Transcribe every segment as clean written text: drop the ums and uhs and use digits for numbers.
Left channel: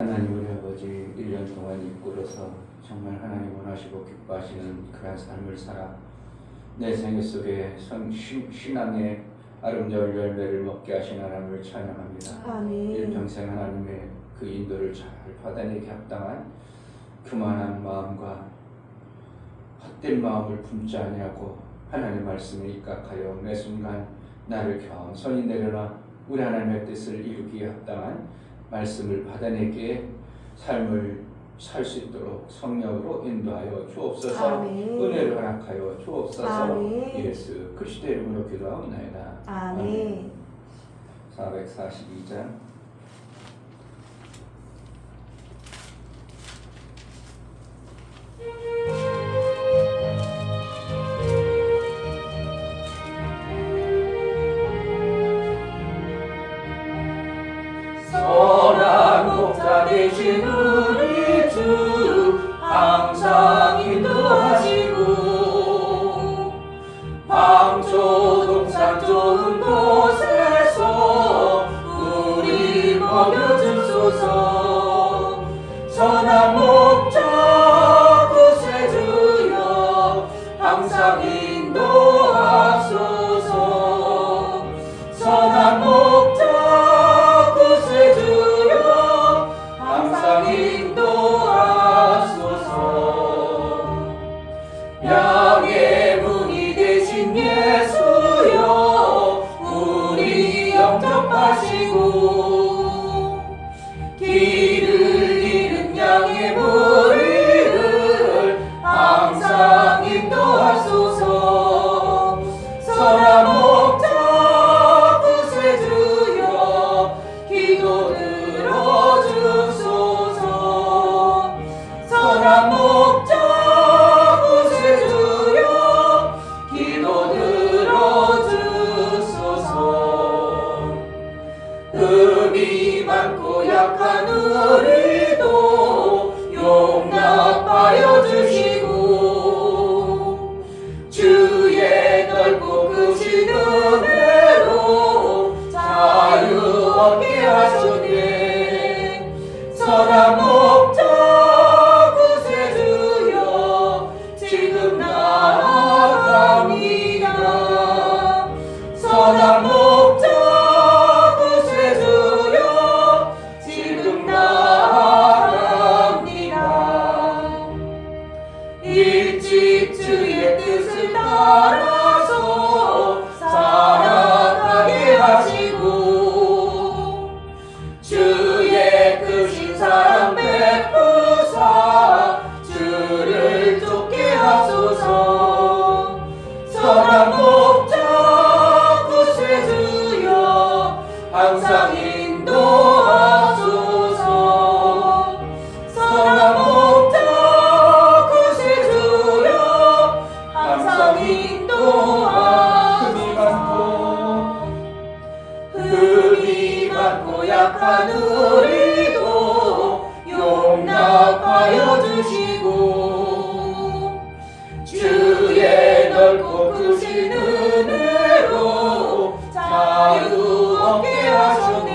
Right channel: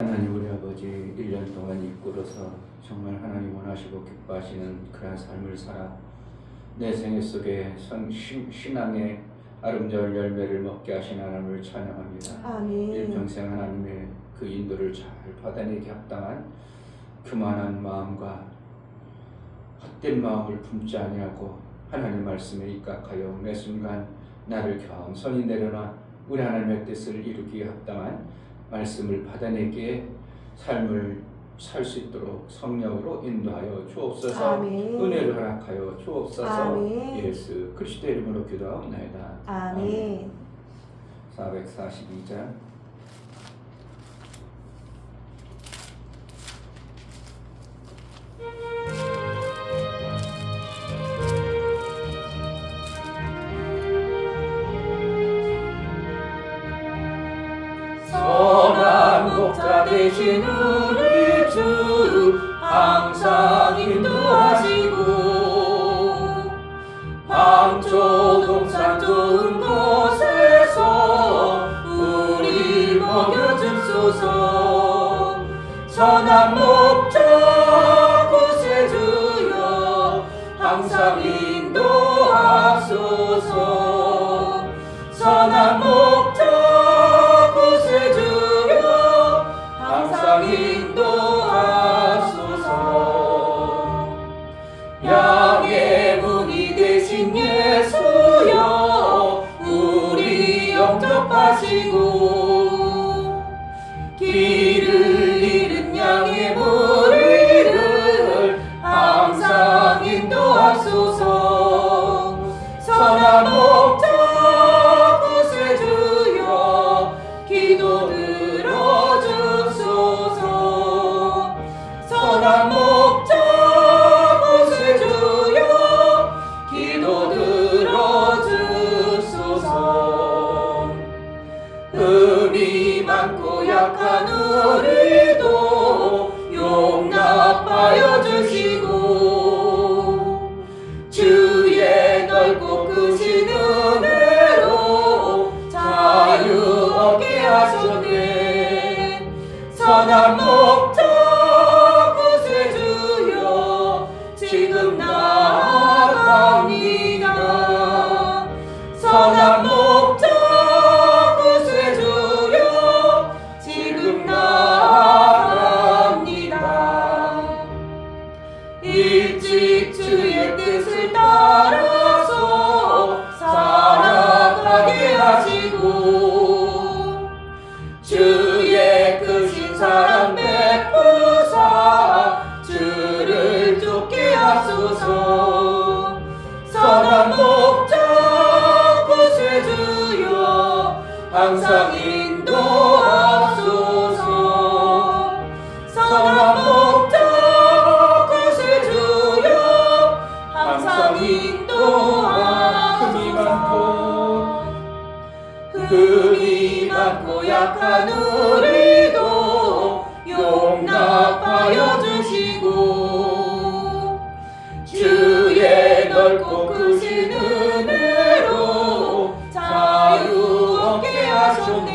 하나님 우리 아버지 1년 동안 이끌어서 정말 하나님 원하시고 기뻐하시는 그런 삶을 살아 내 생애 속에 신앙의 아름다운 열매를 먹게 하신 하나님을 찬양합니다. 아멘. 일평생 하나님의 그 인도를 잘 받아내기 합당한 교만한 마음과 헛된 마음을 품지 아니하고 하나님 말씀에 입각하여 매 순간 나를 겸손히 내려놔 우리 하나님의 뜻을 이루기에 합당한 말씀을 받아내기에 삶을 살 수 있도록 성령으로 인도하여 주옵소서. 아멘. 은혜를 허락하여 주옵소서. 아멘. 예수 그리스도의 이름으로 기도하옵나이다. 아멘. 442장 선한 목자 되신 우리 주 항상 인도하시고 방조 산 좋은 곳에서 우리 먹여주소서. 선한 목자 구세주여 항상 인도하소서. 선한 목자 구세주여 항상 인도하소서. 양의 문이 되신 예수여 우리 영접하시고 길을 잃은 양의 무리를 항상 인도하소서. 선한 목자 구세주여 기도 들어주소서. 선한 목자 기도 들어주소서. 흠이 많고 약한 우리도 용납하여 주시고 주의 넓고 크신 은혜로 자유 얻게 하소서. 선한 목자 구세주여 지금 나아갑니다. 선한 목자 구세주여 지금 나아갑니다. 일찍 주의 뜻을 따라서 살아가게 하시고 주의 크신 사랑 베푸사 주를 쫓게 하소서. 선한 목자 구세주여 항상 인도하소서. 선한 목자 구세주여 항상 흠이 많고 약한 우리도 용납하여 주시고 주의 넓고 크신 은혜로 자유 얻게 하소서.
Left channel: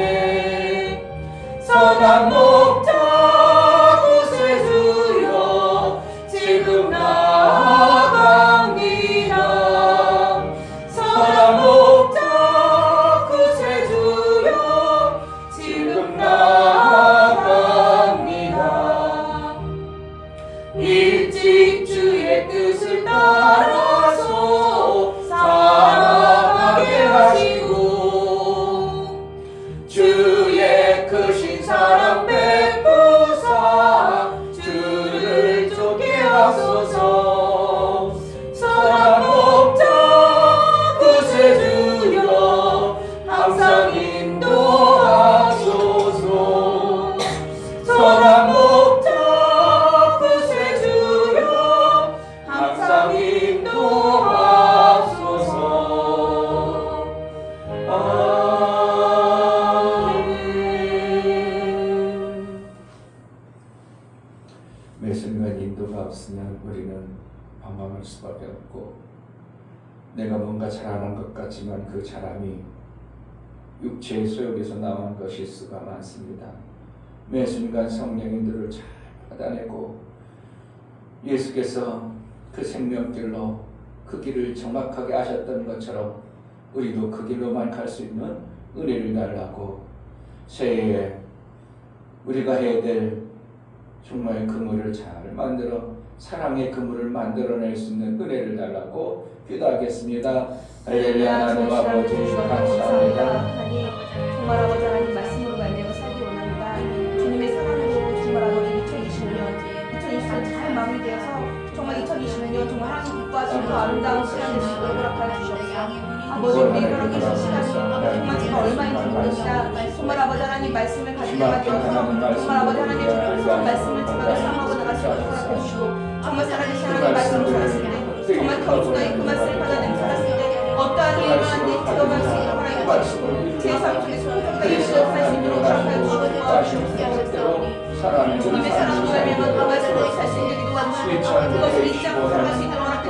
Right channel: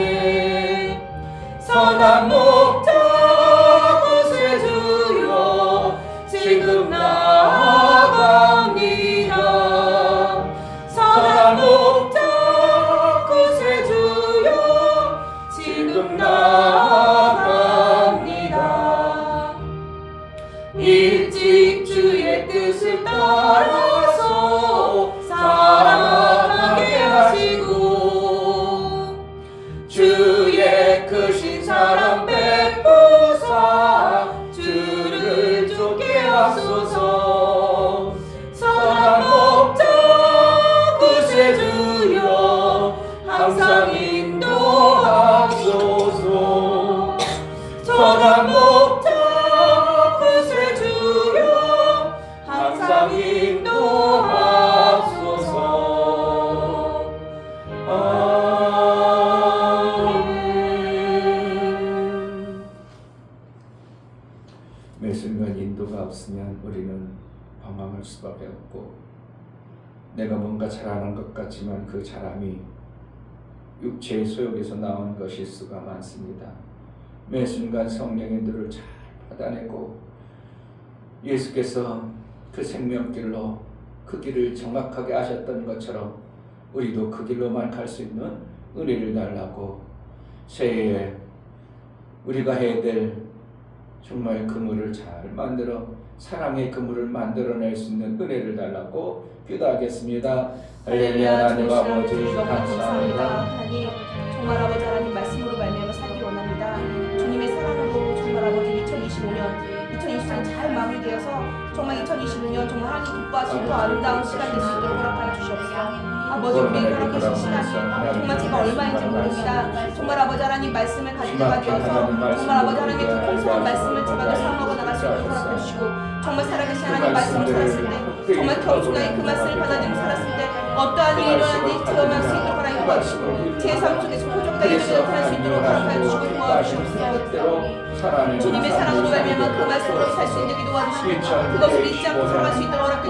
선한 목자 구세주여 지금 나아갑니다. 선한 목자 구세주여 지금 나아갑니다. 일찍 주의 뜻을 따라서 살아가게 하시고 주의 크신 사랑 베푸사 주를 쫓게 하소서. 선한 목자 구세주여 항상 인도하소서. 선한 목자 구세주여 항상 인도하소서. 아멘. 매 순간 인도가 없으면 우리는 방황할 수밖에 없고 내가 뭔가 잘하는 것 같지만 그 잘함이 육체의 소욕에서 나온 것일 수가 많습니다. 매 순간 성령님들을 잘 받아내고 예수께서 그 생명길로 그 길을 정확하게 아셨던 것처럼 우리도 그 길로만 갈 수 있는 은혜를 달라고 새해에 우리가 해야 될 정말 그물을 잘 만들어 사랑의 그물을 만들어낼 수 있는 은혜를 달라고 기도하겠습니다. 할렐루야. 하나님 아버지 감사합니다. 정말 아버지 하나님 말씀으로 말미암아 살기 원합니다. 주님의 사랑으로 정말 아버지 2020년 잘 마무리되어서 정말 2020년 정말 하나님 기뻐하시고 아름다운 시간 되시길 허락하여 주시옵소서. 아버지 우리 하나님 계신 시간이 정말 제가 얼마인지 모릅니다. 정말 아버지 하나님 말씀을 가지게 되어서 정말 아버지 하나님 풍성한 말씀을 제가 사용하고 나갈 수 있도록 허락해 주시고 정말 살아계신 하나님 말씀을 들었을 때 정말 평소에 그 말씀을 받아들이고 살았을 때 어떠한 일이 일어나는지 체험할 수 있도록 허락해 주시고 제 삶 속에서 소중하게 기억할 수 있도록 허락해 주시고 도와주시옵소서. 주님의 사랑으로 말미암아 그 말씀을 살 수 있는 기도와주시고 그것을 잊지 않고 살아갈 수 있도록 허락해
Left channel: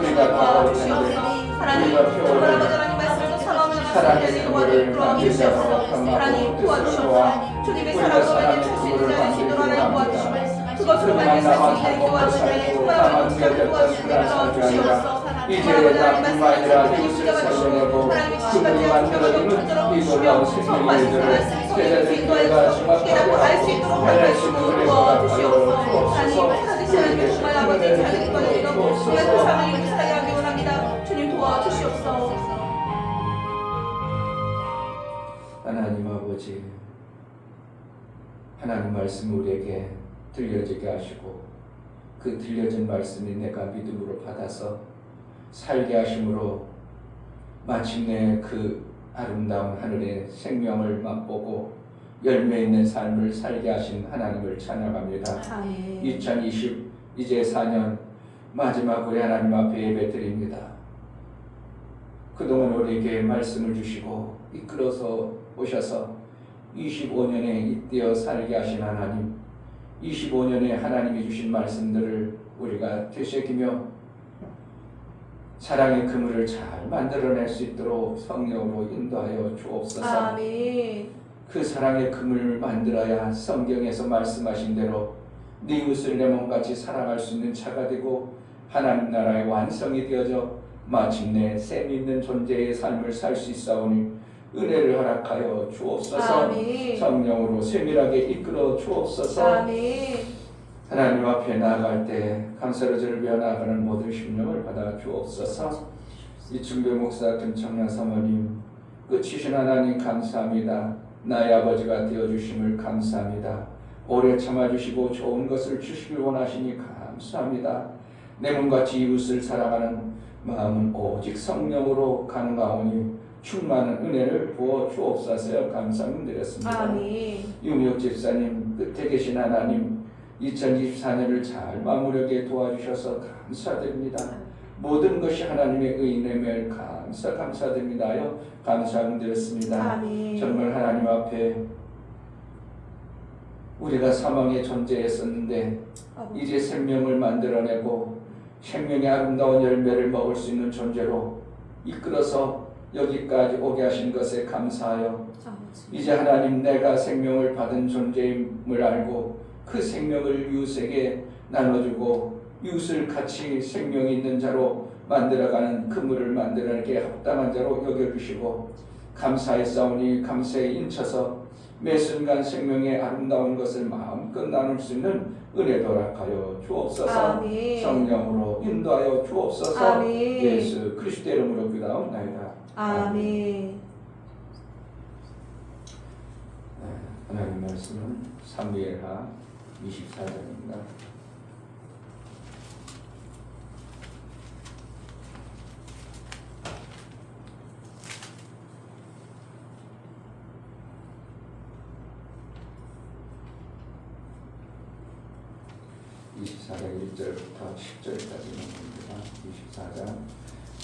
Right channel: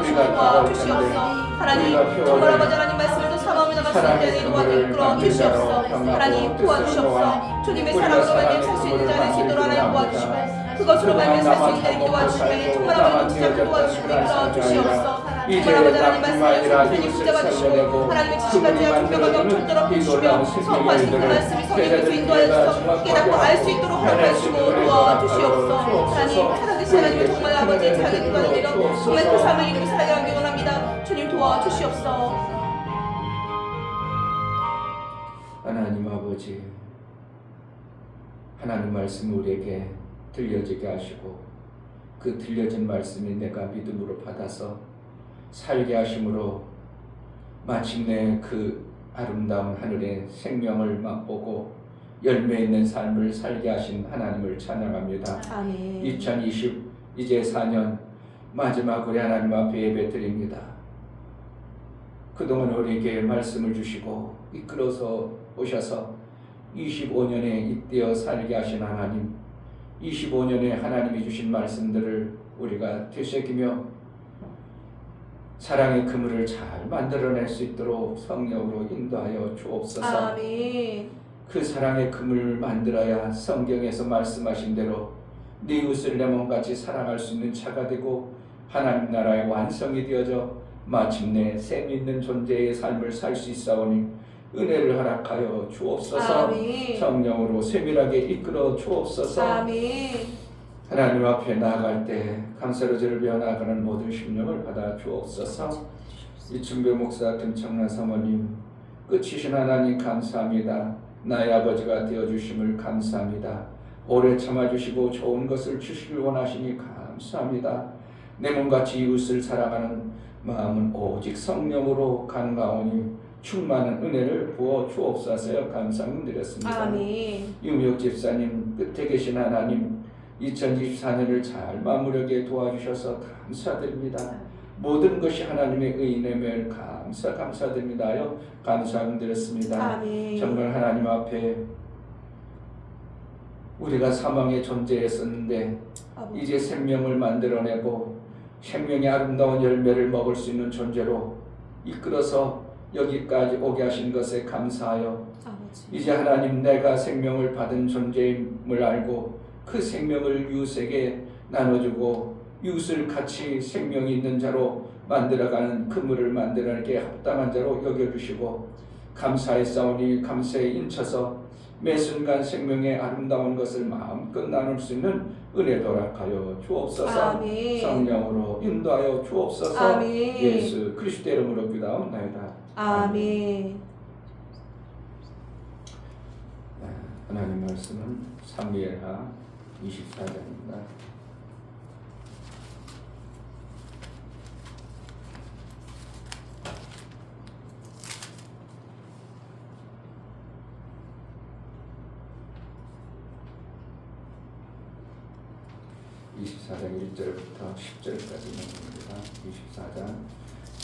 주시옵소서. 하나님 정말 아버지 하나님 말씀을 사모하며 나갈 수 있는 도와주시옵소서. 하나님 도와주시옵소서. 주님의 사랑으로 말미암아 살 수 있는 자를 수 있도록 하나님 도와주시고 그것으로 말미암아 살 수 있는 도와주시고 정말 아버지 도와주시옵소서. 이제 나뿐만 아니라 이웃을 살려내고 그분이 만들어주는 이 놀라운 생명의 일들을 제자들과 정확하게 해낼 수 있는 은혜를 주옵소서. 우리에게 정말 아버지 자기 도와주시고 정말 그 삶을 이루고 살아가기 원합니다. 주님 도와주시옵소서. 하나님 아버지, 하나님 말씀 우리에게 들려지게 하시고 그 들려진 말씀이 내가 믿음으로 받아서 살게 하심으로 마침내 그 아름다운 하늘의 생명을 맛보고 열매 있는 삶을 살게 하신 하나님을 찬양합니다. 2020 이제 4년 마지막 우리 하나님 앞에 예배드립니다. 그동안 우리에게 말씀을 주시고 이끌어서 오셔서 25년에 잇대어 살게 하신 하나님, 25년에 하나님이 주신 말씀들을 우리가 되새기며 사랑의 그물을 잘 만들어낼 수 있도록 성령으로 인도하여 주옵소서. 아멘. 그 사랑의 그물을 만들어야 성경에서 말씀하신 대로 네 이웃을 내 몸같이 사랑할 수 있는 자가 되고 하나님 나라의 완성이 되어져 마침내 셈 있는 존재의 삶을 살 수 있사오니 은혜를 허락하여 주옵소서. 아멘. 성령으로 세밀하게 이끌어 주옵소서. 아멘. 하나님 앞에 나아갈 때 감사로 저를 위하여 나아가는 모든 심령을 받아 주옵소서. 이춘배 목사, 김청란 사모님, 끝이신 하나님 감사합니다. 나의 아버지가 되어주심을 감사합니다. 오래 참아주시고 좋은 것을 주시길 원하시니 감사합니다. 내 몸같이 이웃을 사랑하는 마음은 오직 성령으로 가능하오니 충만한 은혜를 부어 주옵소서. 감사드렸습니다. 아멘. 유미옥 집사님, 끝에 계신 하나님, 2024년을 잘 마무리하게 도와주셔서 감사드립니다. 모든 것이 하나님의 의인임을 감사드립니다요. 감사드렸습니다. 아멘. 정말 하나님 앞에 우리가 사망의 존재였었는데 이제 생명을 만들어내고 생명의 아름다운 열매를 먹을 수 있는 존재로 이끌어서 여기까지 오게 하신 것에 감사하여 이제 하나님 내가 생명을 받은 존재임을 알고 그 생명을 이웃에게 나눠주고 이웃을 같이 생명이 있는 자로 만들어가는 그물을 만들어내게 합당한 자로 여겨주시고 감사했사오니 감사에 인쳐서 매 순간 생명의 아름다운 것을 마음껏 나눌 수 있는 은혜 허락하여 주옵소서. 아멘. 성령으로 인도하여 주옵소서. 아멘. 예수 그리스도의 이름으로 기도하옵나이다. 아멘. 하나님 말씀은 사무엘하 24장입니다. (24장 1절부터 10절까지 나옵니다. 24장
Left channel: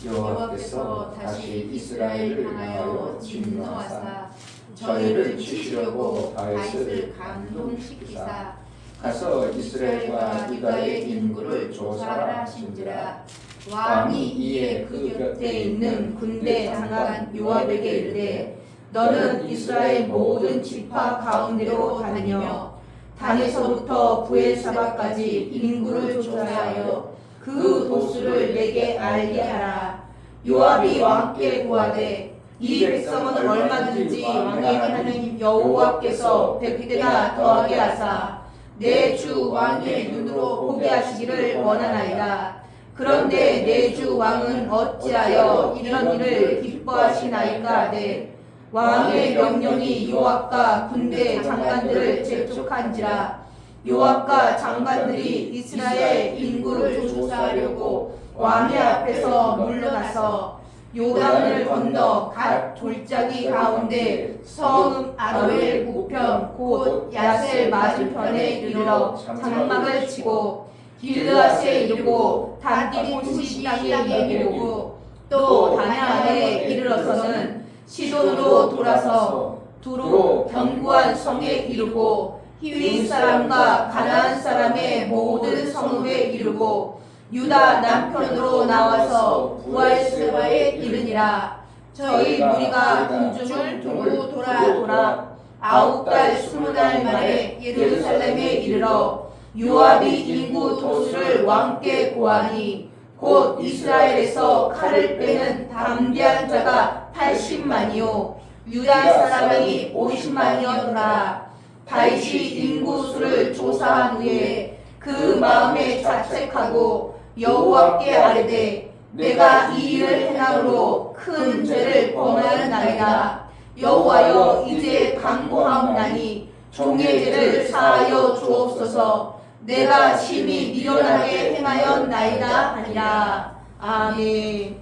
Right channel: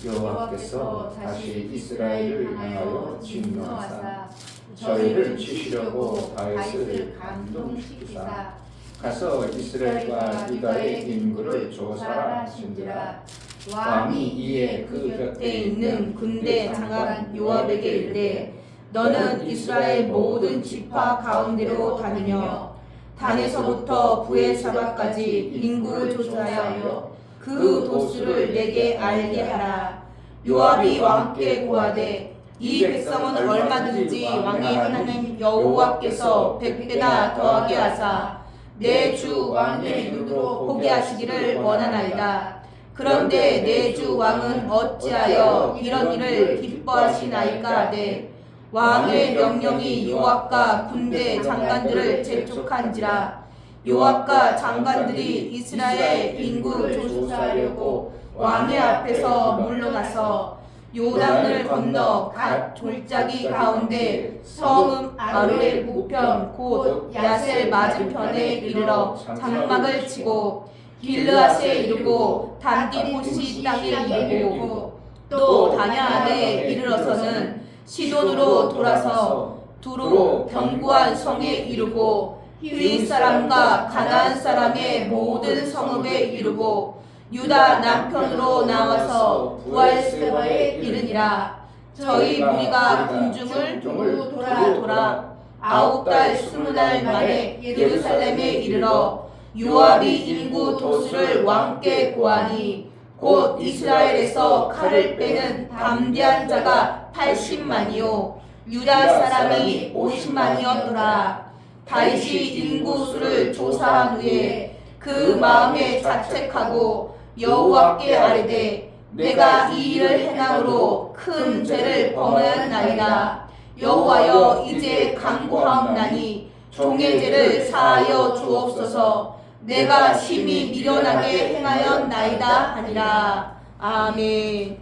여호와께서 다시 이스라엘을 향하여 진노하사 저희를 치시려고 다윗을 감동시키사 가서 이스라엘과 유다의 인구를 조사하신지라. 왕이 이에 그 곁에 있는 군대 장관 요압에게 이르되 너는 이스라엘 모든 지파 가운데로 다니며 단에서부터 부엘사바까지 인구를 조사하여 그 도수를 내게 알게 하라. 요압이 왕께 고하되 이 백성은 얼마든지 왕의 하나님 여호와께서 100배나 더하게 하사 내 주 왕의 눈으로 보게 하시기를 원하나이다. 그런데 내 주 왕은 어찌하여 이런 일을 기뻐하시나이까 하되 왕의 명령이 요압과 군대 장관들을 재촉한지라. 요압과 장관들이 이스라엘 인구를 조사하려고 왕의 앞에서 물러나서 요단을 건너 갓 졸짜기 가운데 성읍 아로엘 우편 곧 야셀 맞은편에 이르러 장막을 치고 길르앗에 이르고 단디림시 땅에 이르고 또 다냐안에 이르러서는 시돈으로 돌아서 두로 견고한 성에 이르고 히위 사람과 가나안 사람의 모든 성읍에 이르고 유다 남편으로 나와서 부엘세바에 이르니라. 저희 무리가 군중을 두고 돌아 9달 20날 만에 예루살렘에 이르러 요압이 인구 도수를 왕께 고하니 곧 이스라엘에서 칼을 빼는 담대한 자가 80만이요 유다 사람이 50만이었더라. 다윗이 인구수를 조사한 후에 그 마음에 자책하고 여호와께 아뢰되 내가 이 일을 행함으로 큰 죄를 범하였나이다. 여호와여 이제 간구하옵나니 종의 죄를 사하여 주옵소서. 내가 심히 미련하게 행하였나이다 하니라. 아멘.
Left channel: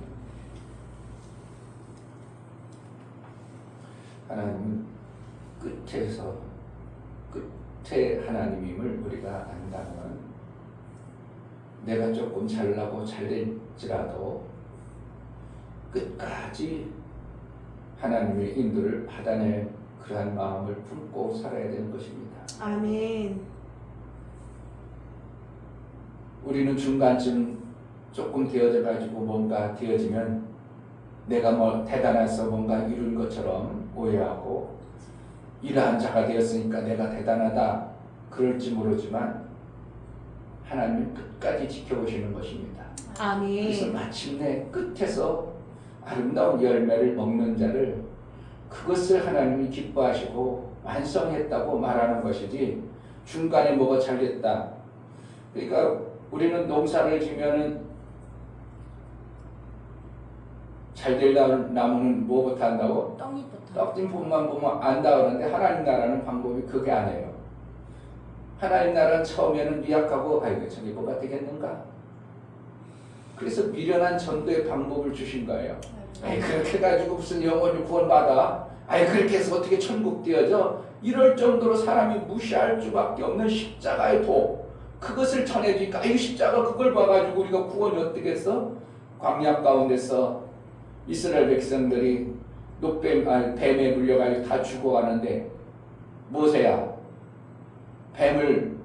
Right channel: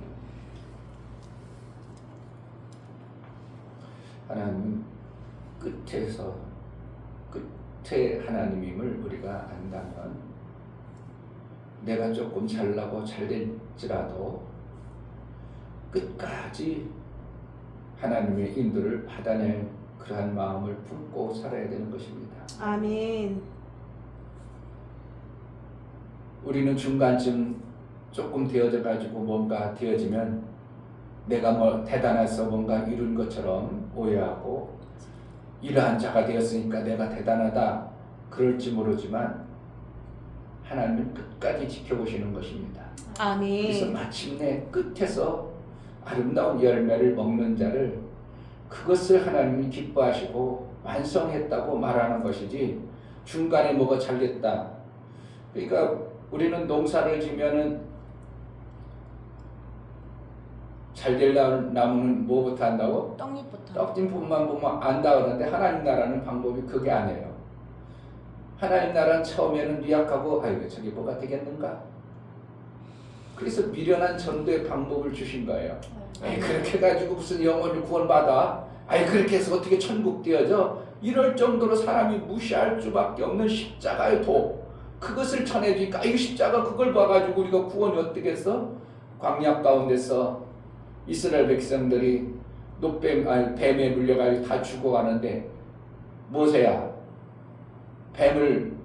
하나님 끝에 하나님임을 우리가 안다면 내가 조금 잘나고 잘될지라도 끝까지 하나님의 인도를 받아낼 그러한 마음을 품고 살아야 되는 것입니다. 아멘. 우리는 중간쯤 조금 되어져 가지고 뭔가 되어지면 내가 뭐 대단해서 뭔가 이룬 것처럼 오해하고 이러한 자가 되었으니까 내가 대단하다 그럴지 모르지만 하나님은 끝까지 지켜보시는 것입니다. 아멘. 그래서 마침내 끝에서 아름다운 열매를 먹는 자를 그것을 하나님이 기뻐하시고 완성했다고 말하는 것이지 중간에 뭐가 잘됐다. 그러니까 우리는 농사를 지면은 잘될 나무는 뭐부터 한다고? 떡잎부터. 떡잎만 보면 안다 그러는데 하나님 나라는 방법이 그게 아니에요. 하나님 나라는 처음에는 미약하고 아이고 저게 뭐가 되겠는가? 그래서 미련한 전도의 방법을 주신 거예요. 아이 그렇게 가지고 무슨 영혼을 구원받아? 아이 그렇게 해서 어떻게 천국 되어져? 이럴 정도로 사람이 무시할 수밖에 없는 십자가의 도 그것을 전해주니까 이 십자가 그걸 봐가지고 우리가 구원이 어떻게 했어? 광야 가운데서 이스라엘 백성들이 뱀에 물려가지고 다 죽어가는데 모세야 뱀을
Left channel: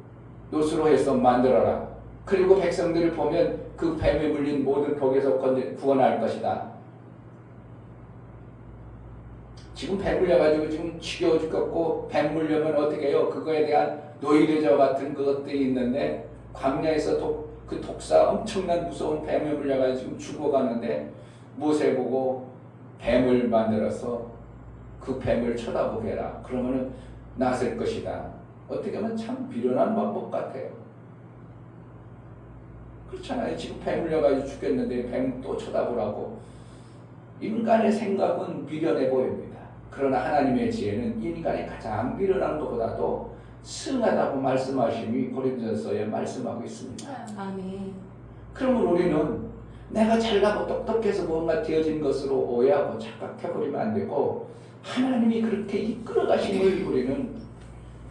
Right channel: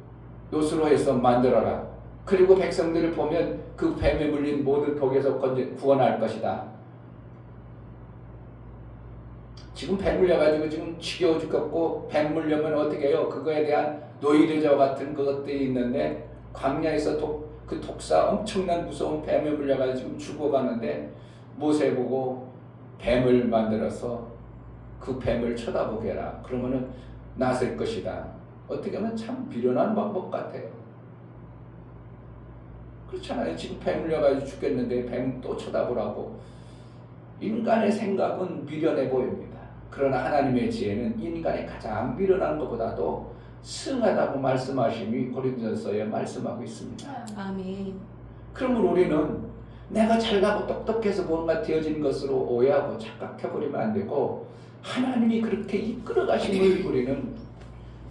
노수로 해서 만들어라. 그리고 백성들을 보면 그 뱀에 물린 모든 독에서 구원할 것이다. 지금 뱀 물려가지고 지금 지겨워 죽겠고 뱀 물려면 어떻게 해요? 그거에 대한 노이레저 같은 그것들이 있는데 광야에서 그 독사 엄청난 무서운 뱀에 물려가지고 죽어가는데 모세 보고 뱀을 만들어서 그 뱀을 쳐다보게 해라. 그러면은 나설 것이다. 어떻게 하면 참 미련한 방법 같아요. 그렇잖아요. 지금 뱀 물려가지고 죽겠는데 뱀 또 쳐다보라고. 인간의 생각은 미련해 보입니다. 그러나 하나님의 지혜는 인간의 가장 미련한 것보다도 승하다고 말씀하심이 고린도전서에 말씀하고 있습니다. 아멘. 그러면 우리는 내가 잘나고 똑똑해서 뭔가 되어진 것으로 오해하고 착각해버리면 안 되고 하나님이 그렇게 이끌어 가심을 우리는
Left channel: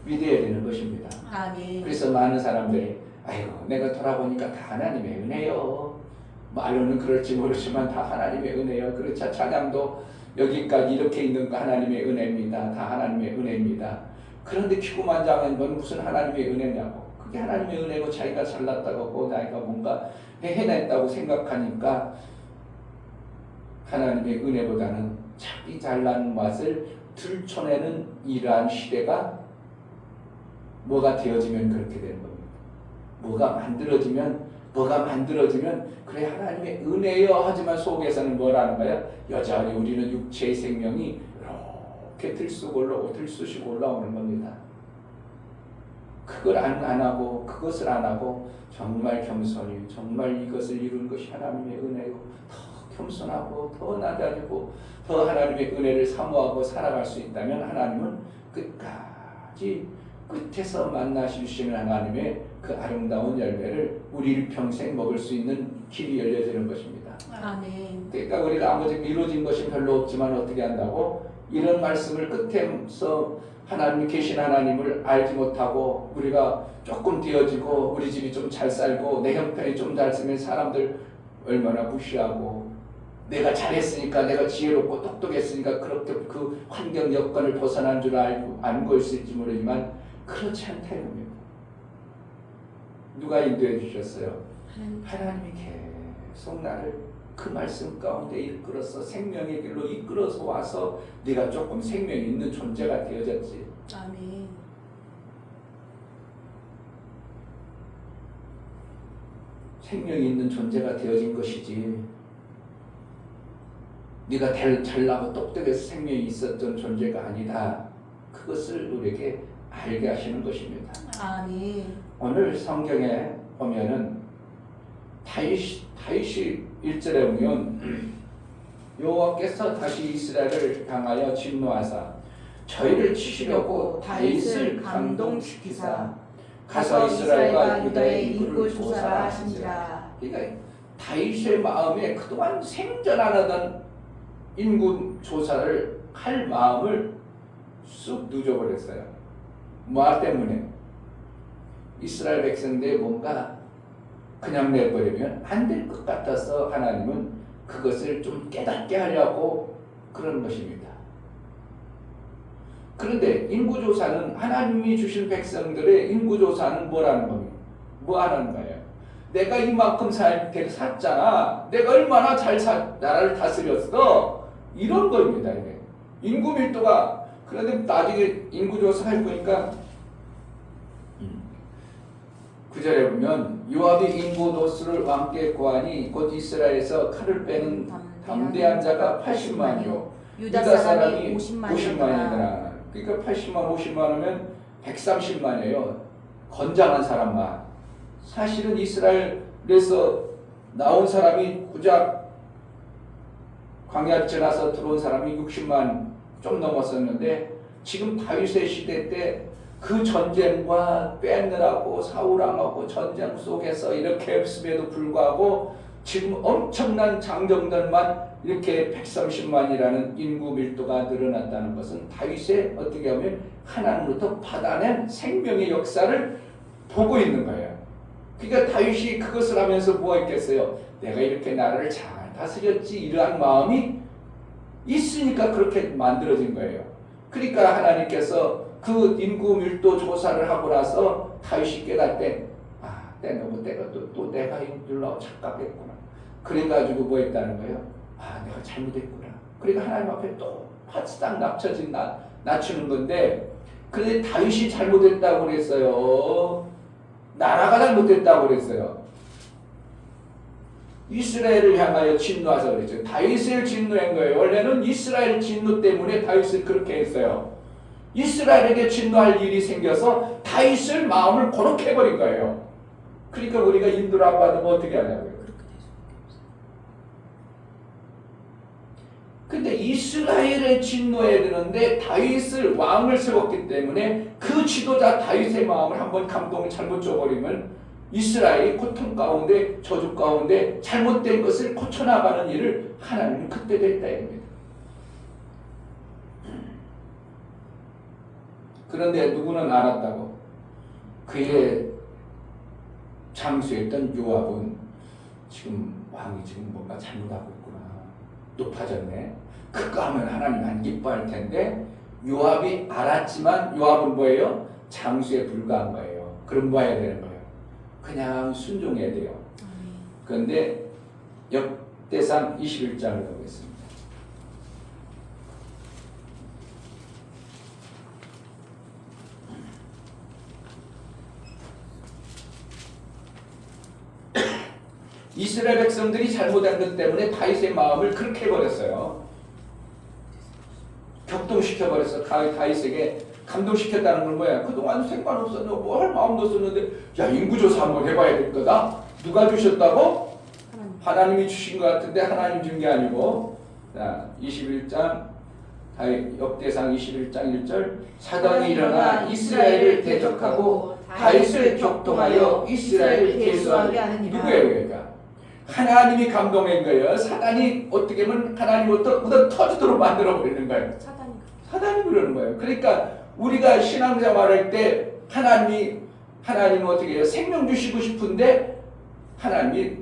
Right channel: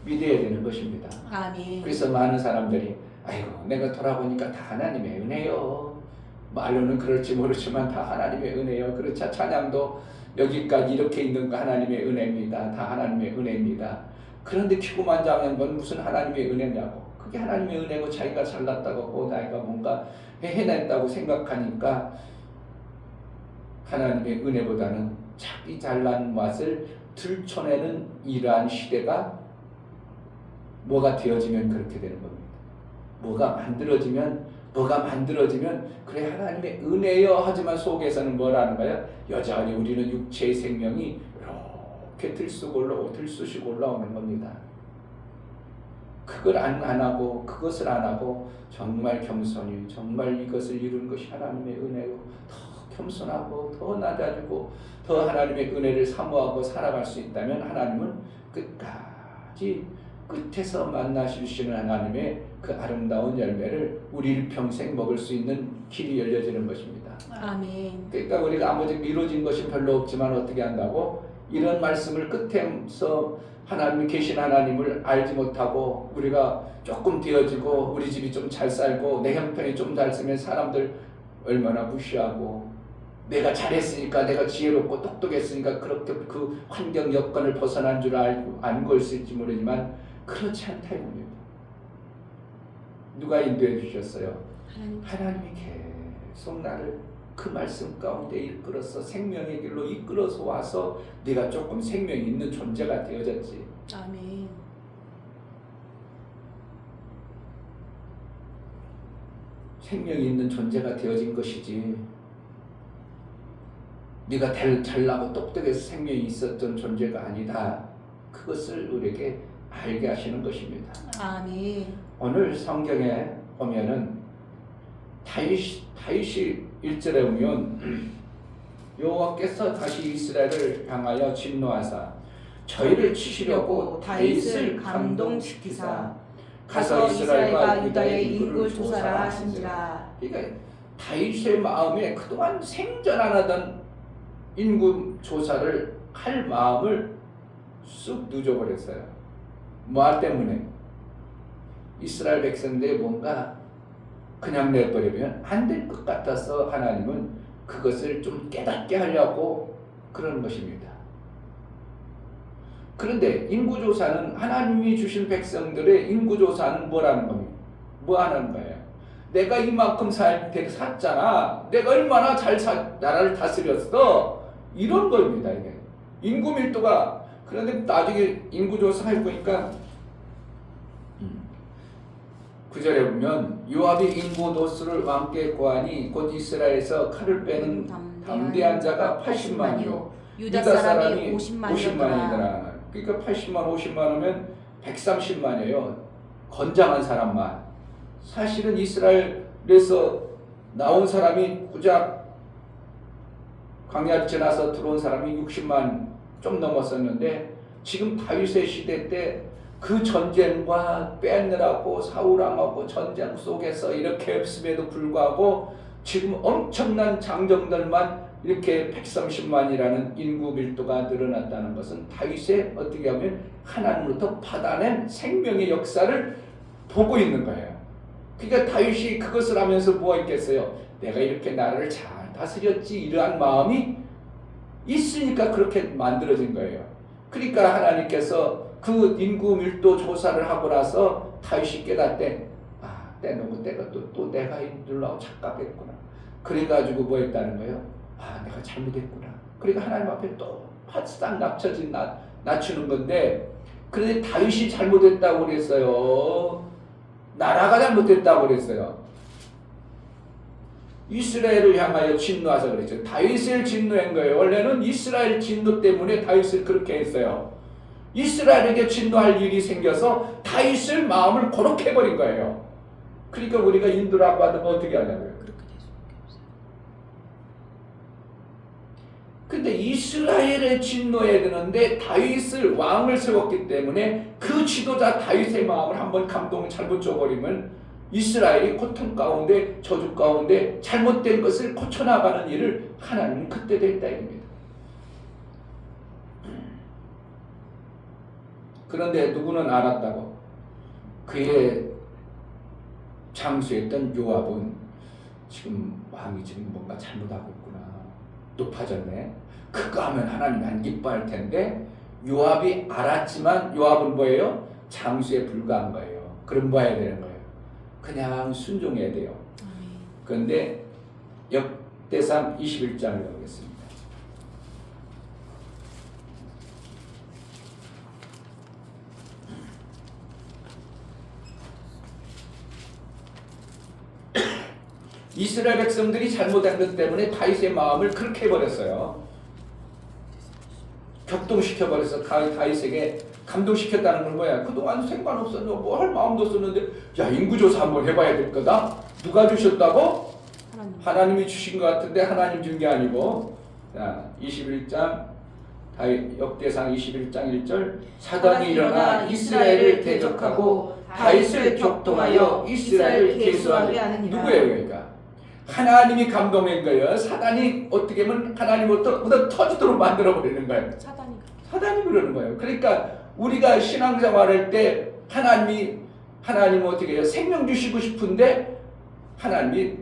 믿어야 되는 것입니다. 아멘. 그래서 많은 사람들이 아이고 내가 돌아보니까 다 하나님의 은혜요. 말로는 그럴지 모르지만 다 하나님의 은혜요. 그렇죠. 찬양도 여기까지 이렇게 있는 거 하나님의 은혜입니다. 다 하나님의 은혜입니다. 그런데 기고만장한 건 무슨 하나님의 은혜냐고. 그게 하나님의 은혜고 자기가 잘났다고 자기가 뭔가 해냈다고 생각하니까 하나님의 은혜보다는 자기 잘난 맛을 들춰내는 이러한 시대가 뭐가 되어지면 그렇게 되는 겁니다. 뭐가 만들어지면 그래 하나님의 은혜여 하지만 속에서는 뭐라는 거야? 여전히 우리는 육체의 생명이 이렇게 들쑤시고 올라오는 겁니다. 그것을 안 하고 정말 겸손히 정말 이것을 이룬 것이 하나님의 은혜요. 더 겸손하고 더 낮아지고 더 하나님의 은혜를 사모하고 살아갈 수 있다면 하나님은 끝에서 만나주시는 하나님의 그 아름다운 열매를 우리 평생 먹을 수 있는 길이 열려지는 것입니다. 아멘. 그러니까 우리가 아무리 이루어진 것이 별로 없지만 어떻게 한다고? 이런 말씀을 끝에서 하나님이 계신 하나님을 알지 못하고 우리가 조금 되어지고 우리 집이 좀 잘 살고 내 형편이 좀 잘 쓰면 사람들 얼마나 무시하고 내가 잘했으니까 내가 지혜롭고 똑똑했으니까 그렇게 그 환경 여건을 벗어난 줄 알고 있을지 모르지만 그렇지 않다 이겁니다. 누가 인도해 주셨어요? 하나님이 계속 나를 그 말씀 가운데 이끌어서 생명의 길로 이끌어서 와서 네가 조금 생명이 있는 존재가 되어졌지. 아멘. 생명이 있는 존재가 되어진 것이지. 네가 잘나고 똑똑해서 생명이 있었던 존재가 아니다. 그것을 우리에게 알게 하시는 것입니다. 아멘. 오늘 성경에 보면은 다윗이 1절에 보면 여호와께서 다시 이스라엘을 향하여 진노하사 저희를 치시려고 다윗을 감동시키사 가서 이스라엘과 유다의 인구를 조사라 하신지라. 그러니까 다윗의 마음에 그동안 생전 안 하던 인구 조사를 할 마음을 쑥 늦어버렸어요. 뭐 때문에? 이스라엘 백성들이 뭔가 그냥 내버리면 안 될 것 같아서 하나님은 그것을 좀 깨닫게 하려고 그러는 것입니다. 그런데 인구조사는 하나님이 주신 백성들의 인구조사는 뭐라는 겁니까? 뭐 하는 거예요? 내가 이만큼 샀잖아. 내가 얼마나 나라를 다스렸어. 이런 겁니다. 이게. 인구 밀도가 그런데 나중에 인구조사 해보니까 9절에 보면 요압이 인구 노수를 왕께 구하니 곧 이스라엘에서 칼을 빼는 담대한 자가 80만이요 유다 사람이 50만이더라. 그러니까 80만 50만이면 130만이에요. 건장한 사람만. 사실은 이스라엘에서 나온 사람이 고작 광야를 지나서 들어온 사람이 60만 좀 넘었었는데 지금 다윗의 시대 때 그 전쟁과 빼느라고 사울왕하고 전쟁 속에서 이렇게 했음에도 불구하고 지금 엄청난 장정들만 이렇게 130만이라는 인구 밀도가 늘어났다는 것은 다윗의 어떻게 하면 하나님으로부터 받아낸 생명의 역사를 보고 있는 거예요. 그러니까 다윗이 그것을 하면서 뭐가 있겠어요? 내가 이렇게 나라를 잘 다스렸지 이러한 마음이 있으니까 그렇게 만들어진 거예요. 그러니까 하나님께서 그 인구 밀도 조사를 하고 나서 다윗이 깨닫대. 때가 또 내가 인들라고 착각했구나. 그래가지고 뭐 했다는 거예요? 내가 잘못했구나. 그러니까 하나님 앞에 또 바싹 낮추는 건데, 그런데 다윗이 잘못했다고 그랬어요? 나라가 잘못했다고 그랬어요? 이스라엘을 향하여 진노하자 그랬죠. 다윗을 진노한 거예요. 원래는 이스라엘 진노 때문에 다윗을 그렇게 했어요. 이스라엘에게 진노할 일이 생겨서 다윗을 마음을 고렇게 해버린 거예요. 그러니까 우리가 인도를 안 받으면 어떻게 하냐고요. 근데 이스라엘에 진노해야 되는데 다윗을 왕을 세웠기 때문에 그 지도자 다윗의 마음을 한번 감동을 잘못 줘버리면 이스라엘이 고통 가운데 저주 가운데 잘못된 것을 고쳐나가는 일을 하나님은 그때도 했다 이겁니다. 그런데 누구는 알았다고? 그의 장수했던 요압은 지금 왕이 지금 뭔가 잘못하고 있구나. 높아졌네. 그거 하면 하나님 안 기뻐할 텐데 요압이 알았지만 요압은 뭐예요? 장수에 불과한 거예요. 그럼 뭐 해야 되는 거예요? 그냥 순종해야 돼요. 그런데 역대상 21장을 보겠습니다. 이스라엘 백성들이 잘못한 것 때문에 다윗의 마음을 그렇게 해버렸어요. 격동시켜버려서 다윗에게 감동시켰다는 건 뭐야? 그동안 상관없었는데 뭐 할 마음도 없었는데 야 인구조사 한번 해봐야 될 거다. 누가 주셨다고? 하나님이 주신 것 같은데 하나님 준 게 아니고. 자 21장 역대상 21장 1절 사당이 일어나 이스라엘을 대적하고 다윗을 격동하여 이스라엘을 계수하게 하는 누구예요? 그러니까 하나님이 감동한 거예요. 사단이 어떻게 하면 하나님부터 얻어 터지도록 만들어 버리는 거예요. 사단이 그러는 거예요. 그러니까 우리가 신앙생활할 때 하나님 어떻게 해요? 생명 주시고 싶은데 하나님이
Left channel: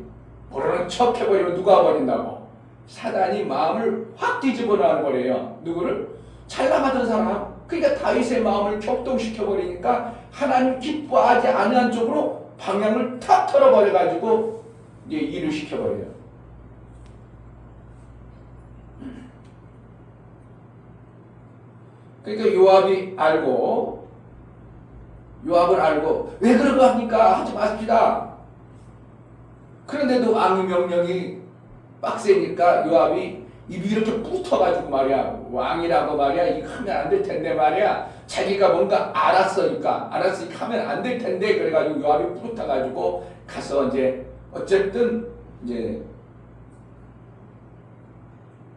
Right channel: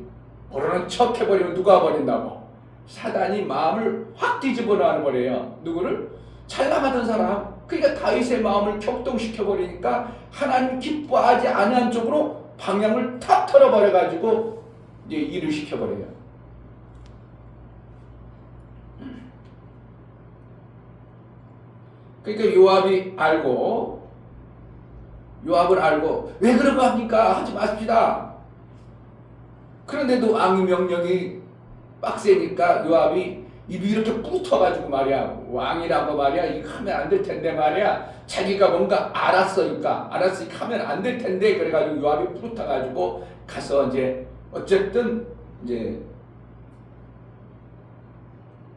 모르는 척 해버리면 누가 버린다고? 사단이 마음을 확 뒤집어 놔는 거래요. 누구를? 잘 나가던 사람. 그러니까 다윗의 마음을 격동시켜 버리니까 하나님 기뻐하지 않은 쪽으로 방향을 탁 털어버려 가지고 이제 일을 시켜 버려요. 그러니까 요압을 알고 왜 그런 거 합니까? 하지 마십시다. 그런데도 왕의 명령이 빡세니까 요압이 입이 이렇게 붙어가지고 말이야. 왕이라고 말이야. 이거 하면 안 될 텐데 말이야. 자기가 뭔가 알았으니까 하면 안 될 텐데 그래가지고 요압이 붙어가지고 가서 이제 어쨌든 이제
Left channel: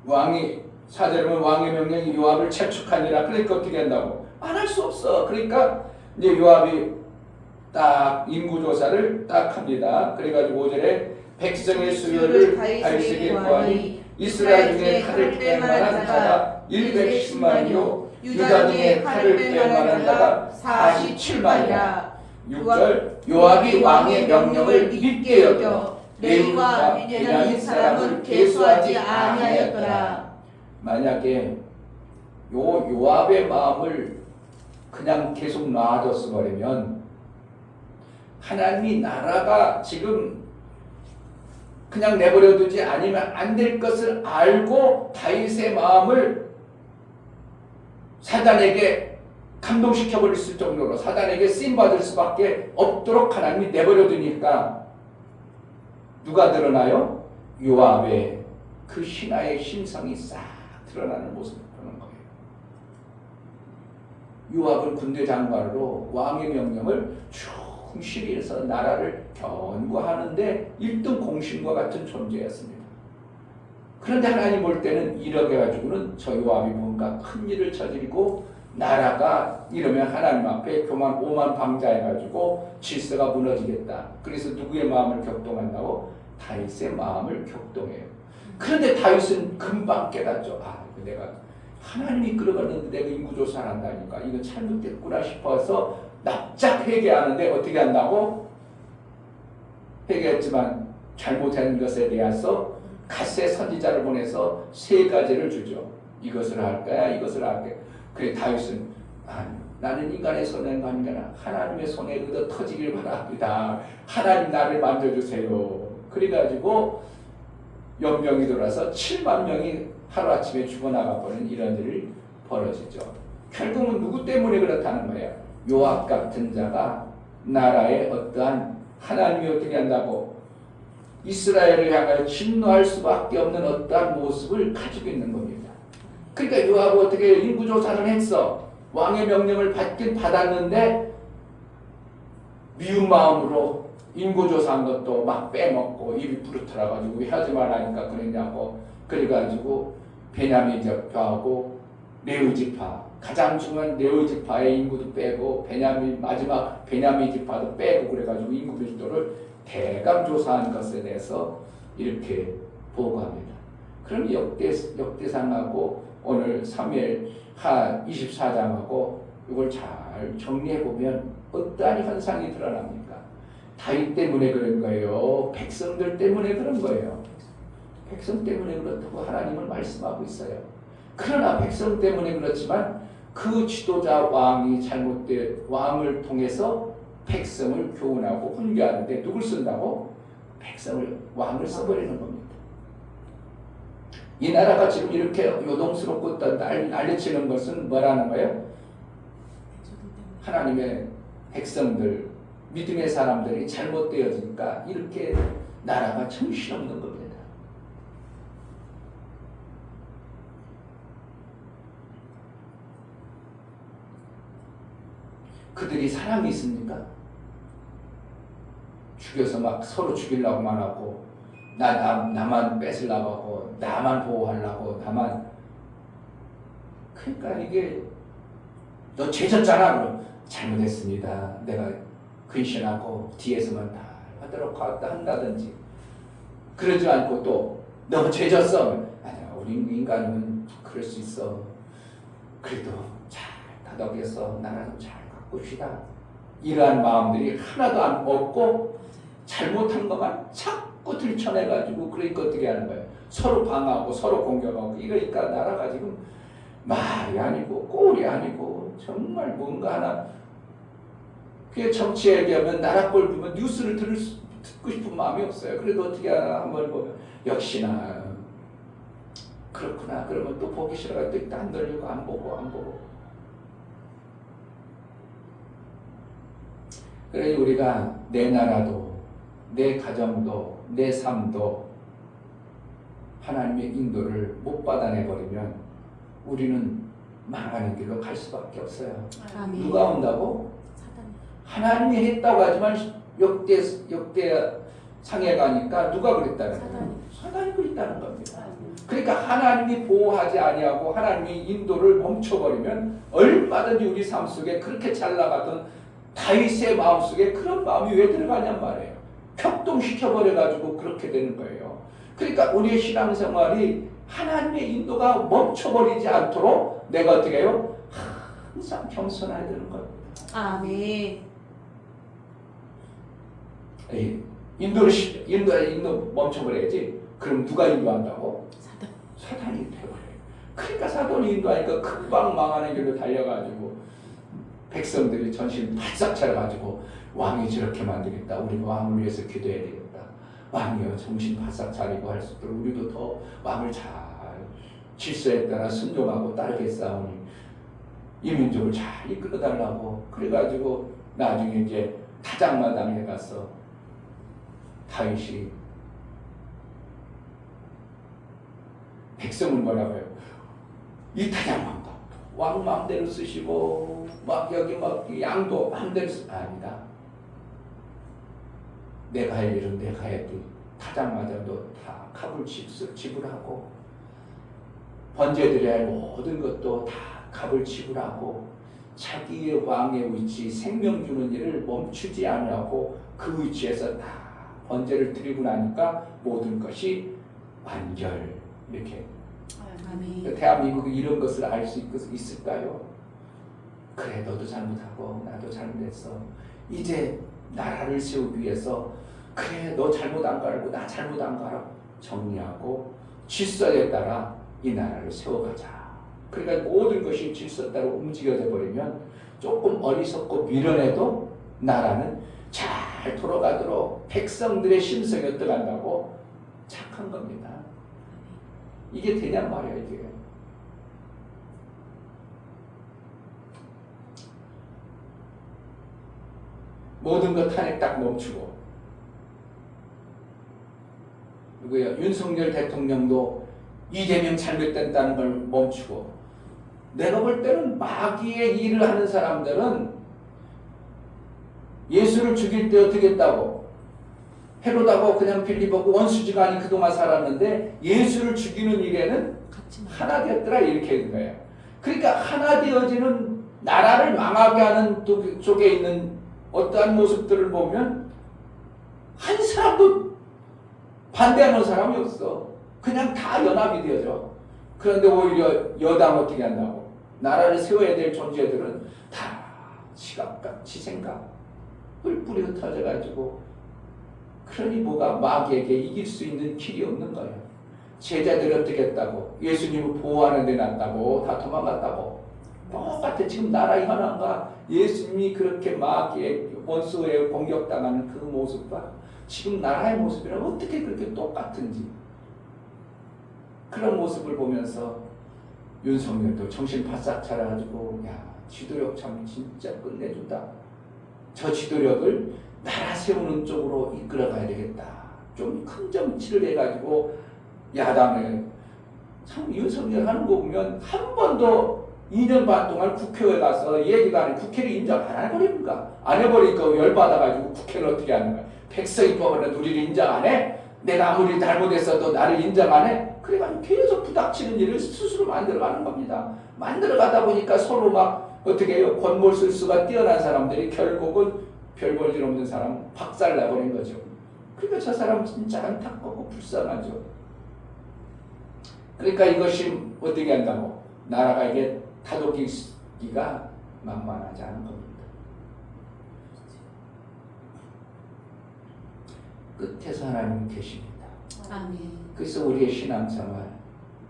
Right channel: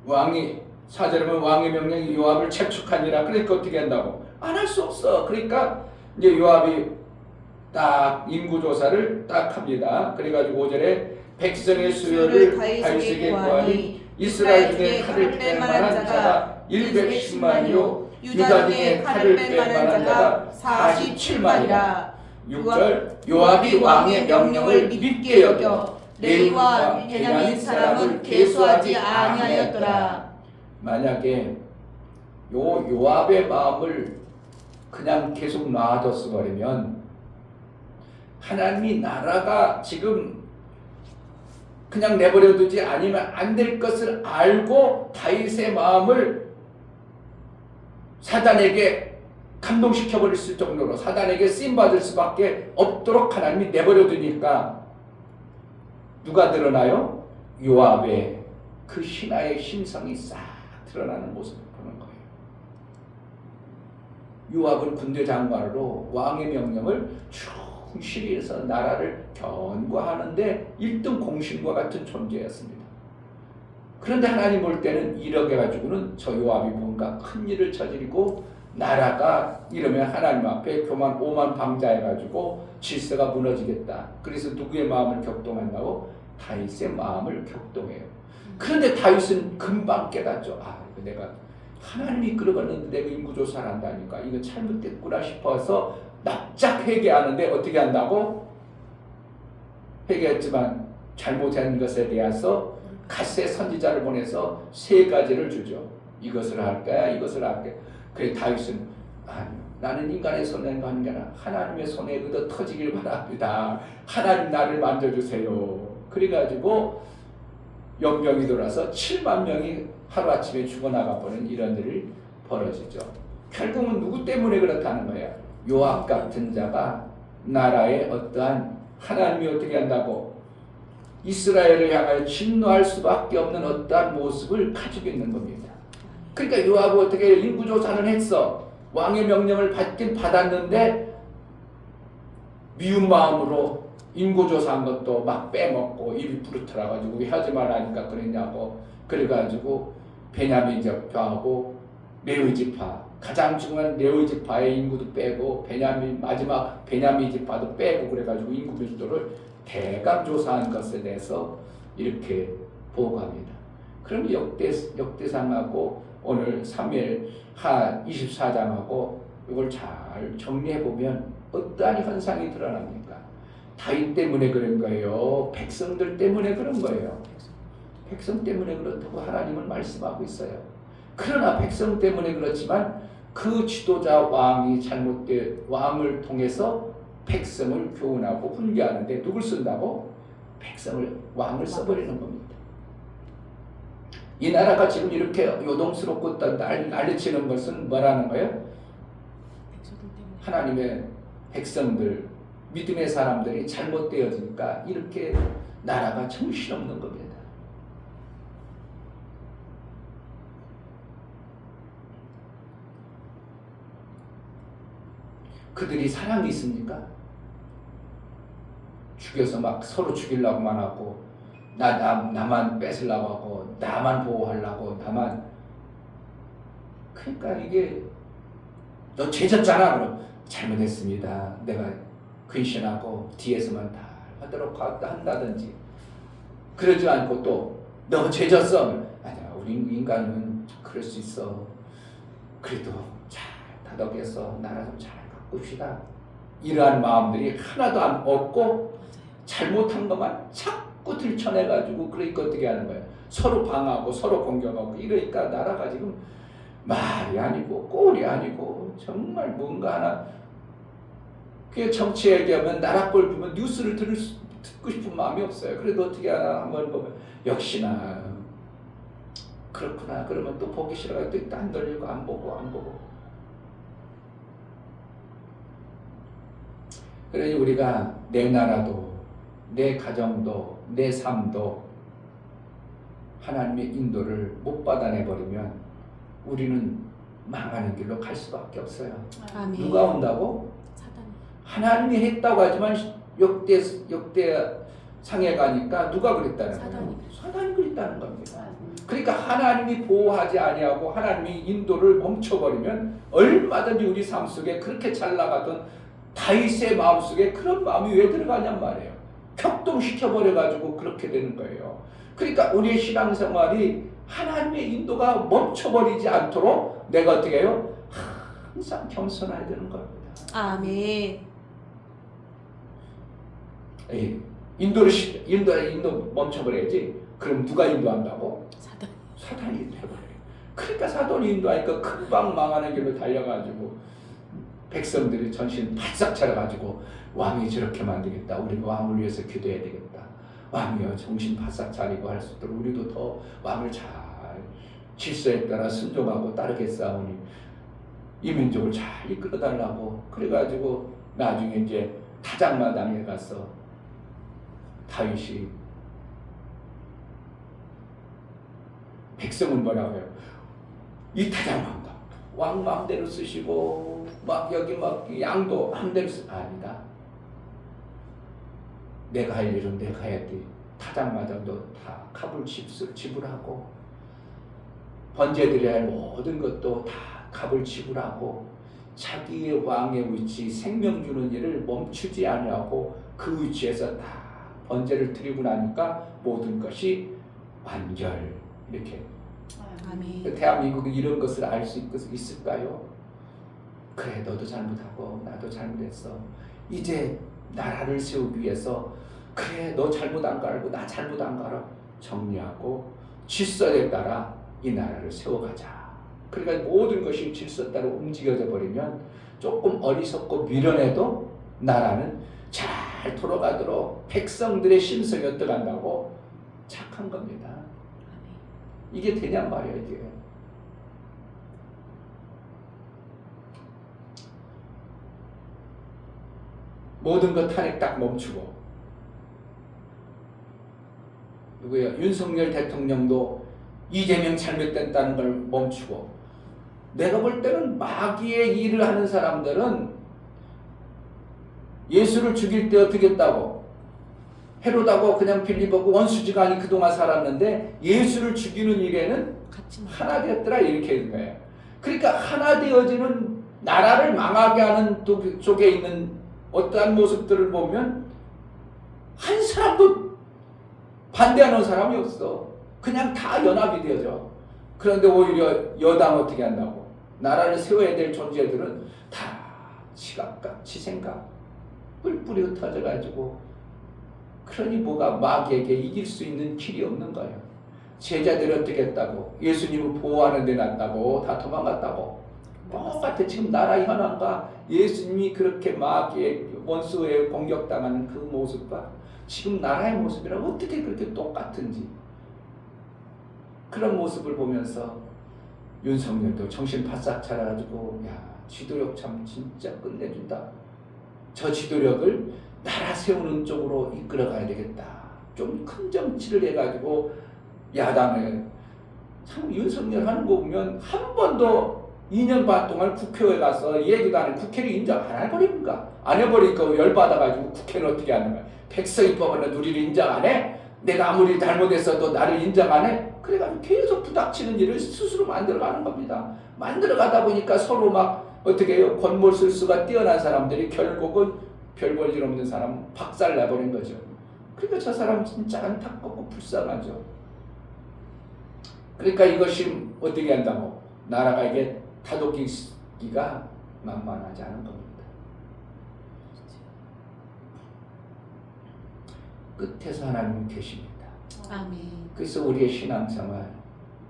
왕이 사절이면 왕의 명령이 요압을 채축하니라. 그러니까 어떻게 한다고? 안 할 수 없어. 그러니까 이제 요압이 딱 인구조사를 딱 합니다. 그래가지고 5절에 백성의 수요를 다윗에게 구하니 이스라엘 중에 칼을 뺄 만한 자가 110만이요 유다 중에 칼을 뺄 만한 자가 47만이라. 6절 요압이 왕의 명령을 믿게 여겨 레위와 베냐민 사람을 계수하지 아니하였더라. 만약에 요압의 마음을 그냥 계속 놔뒀어 버리면 하나님이 나라가 지금 그냥 내버려두지 않으면 안 될 것을 알고 다윗의 마음을 사단에게 감동시켜버릴 수 정도로 사단에게 쓰임받을 수밖에 없도록 하나님이 내버려두니까 누가 드러나요? 요압의 그 신하의 심성이 싹 드러나는 모습을 보는 거예요. 요압은 군대 장관으로 왕의 명령을 충실히 해서 나라를 견고하는데 1등 공신과 같은 존재였습니다. 그런데 하나님 볼 때는 이렇게 가지고는 저 요압이 뭔가 큰 일을 저지르고 나라가 이러면 하나님 앞에 교만 오만 방자해가지고 질서가 무너지겠다. 그래서 누구의 마음을 격동한다고? 다윗의 마음을 격동해요. 그런데 다윗은 금방 깨닫죠. 내가 하나님이 끌어갔는데 내가 인구조사를 한다니까 이거 잘못됐구나 싶어서 납작 회개하는데 어떻게 한다고? 회개했지만 잘못한 것에 대해서 갓세 선지자를 보내서 3가지를 주죠. 이것을 할 거야, 이것을 할 거야. 그래 다윗은 나는 인간의 손에는 아니라 하나님의 손에 얻어 터지길 바랍니다. 하나님 나를 만져주세요. 그래가지고 연병이 돌아서 7만 명이 하루아침에 죽어나가버리는 이런 일이 벌어지죠. 결국은 누구 때문에 그렇다는 거예요? 요압 같은 자가 나라의 어떠한 하나님이 어떻게 한다고 이스라엘을 향하여 진노할 수밖에 없는 어떠한 모습을 가지고 있는 겁니다. 그러니까 요압이 어떻게 인구조사를 했어. 왕의 명령을 받긴 받았는데 미운 마음으로 인구조사한 것도 막 빼먹고 입이 부르터라가지고 왜 하지 말라니까 그랬냐고. 그래가지고 베냐민 지파하고 레위 지파 가장 중요한 레위 지파의 인구도 빼고 마지막 베냐민 지파도 빼고 그래가지고 인구 밀도를 대강 조사한 것에 대해서 이렇게 보고합니다. 그럼 역대상하고 오늘 사무엘하 24장하고 이걸 잘 정리해 보면 어떠한 현상이 드러납니까? 다윗 때문에 그런 거예요. 백성들 때문에 그런 거예요. 백성 때문에 그렇다고 하나님은 말씀하고 있어요. 그러나 백성 때문에 그렇지만 그 지도자 왕이 왕을 통해서 백성을 교훈하고 훈계하는데 누굴 쓴다고? 왕을 써버리는 겁니다. 이 나라가 지금 이렇게 요동스럽고 난리치는 것은 뭐라는 거예요? 하나님의 백성들 믿음의 사람들이 잘못되어지니까 이렇게 나라가 정신없는 겁니다. 그들이 사랑이 있습니까? 죽여서 막 서로 죽이려고만 하고 나만 뺏으려고 하고 나만 보호하려고 나만. 그러니까 이게 너 죄졌잖아. 그럼 잘못했습니다. 내가 근신하고 뒤에서만 다 하도록 한다든지. 그러지 않고 또 너 죄졌어. 아니야, 우리 인간은 그럴 수 있어. 그래도 잘 다독여서 나라 좀 잘 가꿉시다. 이러한 마음들이 하나도 안 없고 잘못한 것만 자꾸 들춰내가지고 그러니까 어떻게 하는 거예요? 서로 방하고 서로 공격하고 이러니까 나라가 지금 말이 아니고 꼴이 아니고 정말 뭔가 하나. 그게 정치 얘기하면 나라 꼴 보면 뉴스를 듣고 싶은 마음이 없어요. 그래도 어떻게 하나 한번 보면 역시나 그렇구나. 그러면 또 보기 싫어가지고 또 안 돌리고 안 보고. 그러니 우리가 내 나라도 내 가정도 내 삶도 하나님의 인도를 못 받아내버리면 우리는 망하는 길로 갈 수밖에 없어요. 아멘. 누가 온다고? 사단. 하나님이 했다고 하지만 역대 상해 가니까 누가 그랬다는 거예요? 사단이 그랬다는 겁니다. 그러니까 하나님이 보호하지 아니하고 하나님이 인도를 멈춰버리면 얼마든지 우리 삶 속에 그렇게 잘 나가던 다윗의 마음속에 그런 마음이 왜 들어가냔 말이에요. 격동시켜버려가지고 그렇게 되는 거예요. 그러니까 우리의 신앙생활이 하나님의 인도가 멈춰버리지 않도록 내가 어떻게 해요? 항상 겸손해야 되는 겁니다. 아멘. 인도 멈춰버려야지. 그럼 누가 인도한다고? 사단. 사단이 인도해버려요. 그러니까 사단이 인도하니까 금방 망하는 길로 달려가지고 백성들이 전신 바싹 차려가지고 왕이 저렇게 만들겠다. 우리 왕을 위해서 기도해야 되겠다. 왕이여 정신 바싹 차리고 할 수 있도록 우리도 더 왕을 잘 질서에 따라 순종하고 따르겠사오니 이 민족을 잘 이끌어달라고. 그래가지고 나중에 이제 타작마당에 가서 다윗이 백성은 뭐라고 해요? 이 타작마당 왕 마음대로 쓰시고 막 여기 막 양도 마음대로 아니다. 내가 할 일은 내가 해야 돼. 타작마당도 다 값을 지불하고 번제드려야 할 모든 것도 다 값을 지불하고 자기의 왕의 위치 생명 주는 일을 멈추지 아니하고 그 위치에서 다 번제를 드리고 나니까 모든 것이 완결. 이렇게. 아멘. 대한민국이 이런 것을 알 수 있을까요? 그래, 너도 잘못하고 나도 잘못했어. 이제 나라를 세우기 위해서 그래, 너 잘못 안 가라고 나 잘못 안 가라 정리하고 질서에 따라 이 나라를 세워가자. 그러니까 모든 것이 질서 따라 움직여져 버리면 조금 어리석고 미련해도 나라는 잘 돌아가도록 백성들의 심성이 어떠간다고 착한 겁니다. 이게 되냔 말이야. 이게 모든 것 탄핵 딱 멈추고 누구야? 윤석열 대통령도 이재명 잘못됐다는 걸 멈추고. 내가 볼 때는 마귀의 일을 하는 사람들은 예수를 죽일 때 어떻게 했다고? 헤롯하고 그냥 빌립하고 원수지간이 그동안 살았는데 예수를 죽이는 일에는 하나 되었더라 이렇게 된 거예요. 그러니까 하나 되어지는 나라를 망하게 하는 쪽에 있는 어떠한 모습들을 보면 한 사람도 반대하는 사람이 없어. 그냥 다 연합이 되어져. 그런데 오히려 여당 어떻게 한다고? 나라를 세워야 될 존재들은 다 지각각, 지생각 뿔뿔이 흩어져가지고 그러니 뭐가 마귀에게 이길 수 있는 길이 없는 거예요. 제자들이 어떻게 했다고? 예수님을 보호하는 데 났다고? 다 도망갔다고? 똑같아. 지금 나라 현황과 예수님이 그렇게 마귀의 원수에 공격당하는 그 모습과 지금 나라의 모습이랑 어떻게 그렇게 똑같은지 그런 모습을 보면서 윤석열도 정신 바싹 차려가지고 야 지도력 참 진짜 끝내준다. 저 지도력을 나라 세우는 쪽으로 이끌어가야 되겠다. 좀 큰 정치를 해가지고 야당에 참 윤석열 하는 거 보면 한 번도 2년 반 동안 국회에 가서 얘기도 안 해. 국회를 인정 안 해버립니까? 안 해버리니까 열받아가지고 국회는 어떻게 하는 거야? 백성이 법원은 우리를 인정 안 해? 내가 아무리 잘못했어도 나를 인정 안 해? 그래가지고 계속 부닥치는 일을 스스로 만들어가는 겁니다. 만들어가다 보니까 서로 막 어떻게 해요? 권모술수가 뛰어난 사람들이 결국은 별 볼 일 없는 사람 박살나버린 거죠. 그러니까 저 사람 진짜 안타깝고 불쌍하죠. 그러니까 이것이 어떻게 한다고? 나라가 이게 다독이기가 만만하지 않은 겁니다. 끝에서 하나님은 계십니다. 아멘. 그래서 우리의 신앙생활,